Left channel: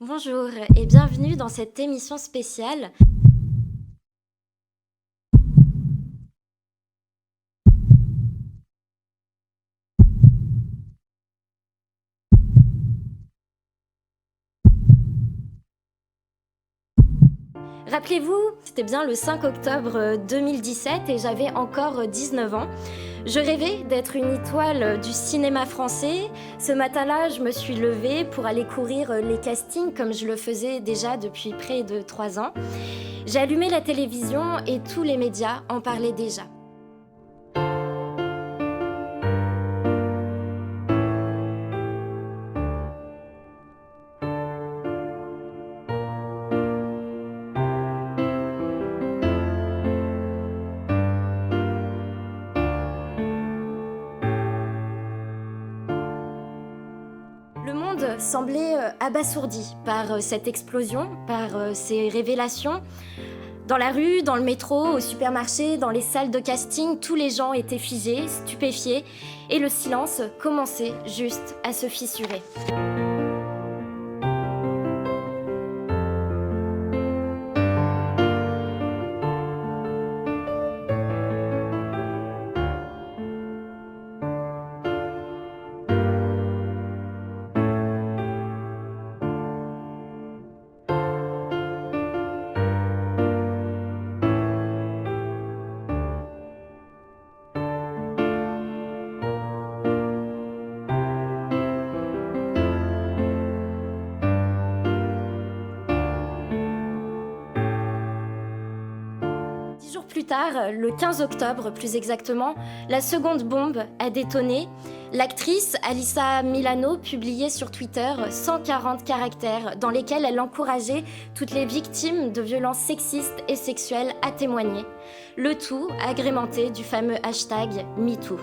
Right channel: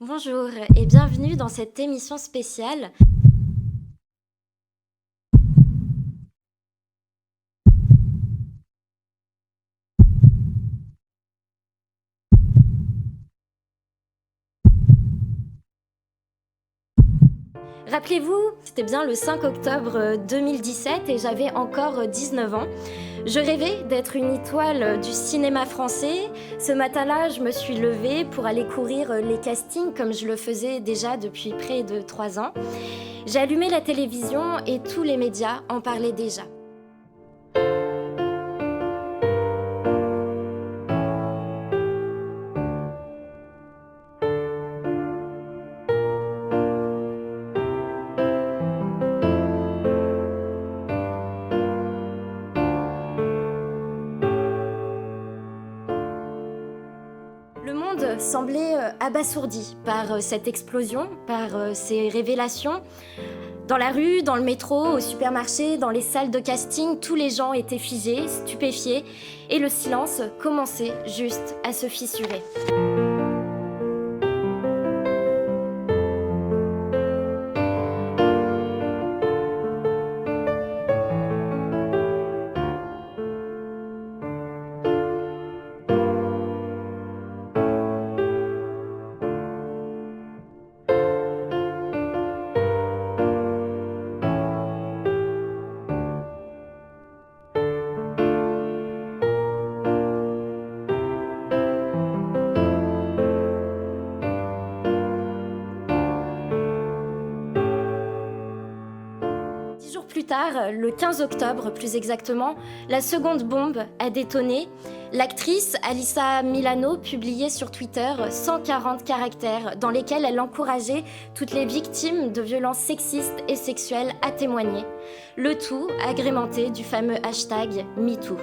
Bonjour et bienvenue dans cette émission spéciale. Rappelez-vous, c'était bien le 5 octobre 2017 et j'avais encore 19 ans. Je rêvais d'être une étoile du cinéma français. Ce matin-là, je me suis levée pour aller courir les castings comme je le faisais déjà depuis près de 3 ans. J'ai allumé la télévision et tous les médias en parlaient déjà. Le monde semblait abasourdi par cette explosion, par ces révélations. Dans la rue, dans le métro, au supermarché, dans les salles de casting, tous les gens étaient figés, stupéfiés, et le silence commençait juste à se fissurer. Dix jours plus tard, le 15 octobre plus exactement, la seconde bombe a détonné. L'actrice Alyssa Milano publiait sur Twitter 140 caractères dans lesquels elle encourageait toutes les victimes de violences sexistes et sexuelles à témoigner. Le tout agrémenté du fameux hashtag MeToo.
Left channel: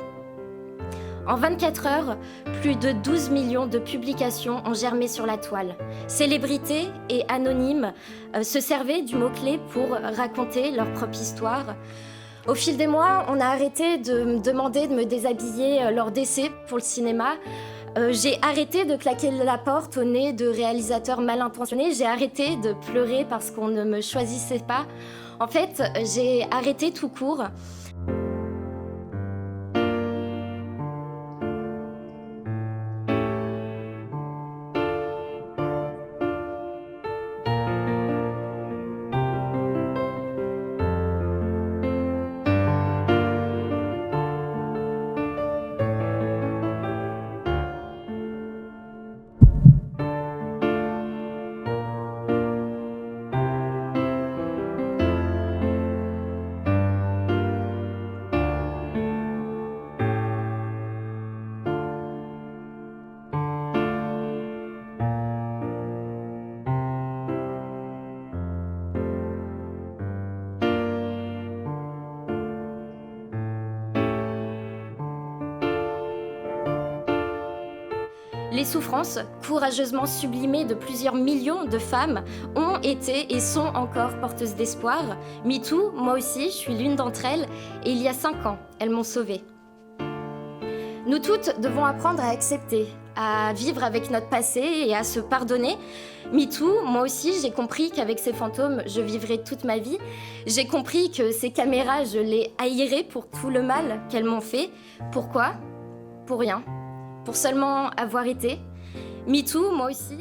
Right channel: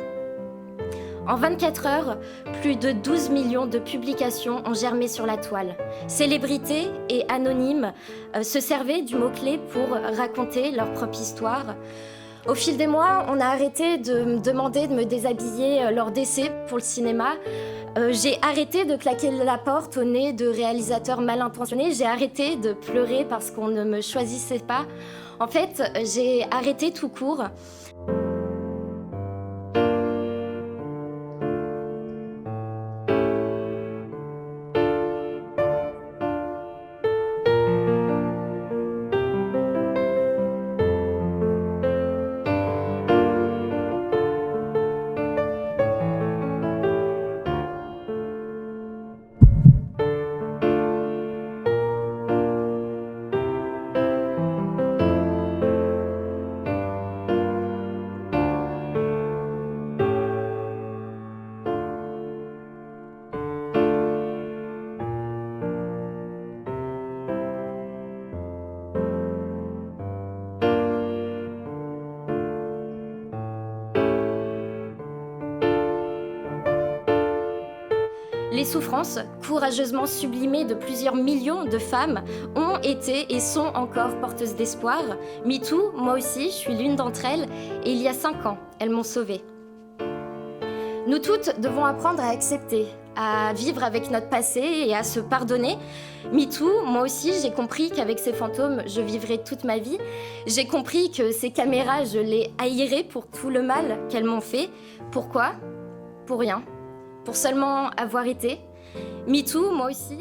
En 24 heures, plus de 12 millions de publications ont germé sur la toile. Célébrités et anonymes se servaient du mot-clé pour raconter leur propre histoire. Au fil des mois, on a arrêté de me demander de me déshabiller lors d'essais pour le cinéma. J'ai arrêté de claquer la porte au nez de réalisateurs mal intentionnés. J'ai arrêté de pleurer parce qu'on ne me choisissait pas. En fait, j'ai arrêté tout court. Les souffrances, courageusement sublimées de plusieurs millions de femmes, ont été et sont encore porteuses d'espoir. MeToo, moi aussi, je suis l'une d'entre elles, et il y a 5 ans, elles m'ont sauvée. Nous toutes devons apprendre à accepter, à vivre avec notre passé et à se pardonner. MeToo, moi aussi, j'ai compris qu'avec ces fantômes, je vivrai toute ma vie. J'ai compris que ces caméras, je les haïrais pour tout le mal qu'elles m'ont fait. Pourquoi ? Pour rien. Pour seulement avoir été. MeToo, moi aussi.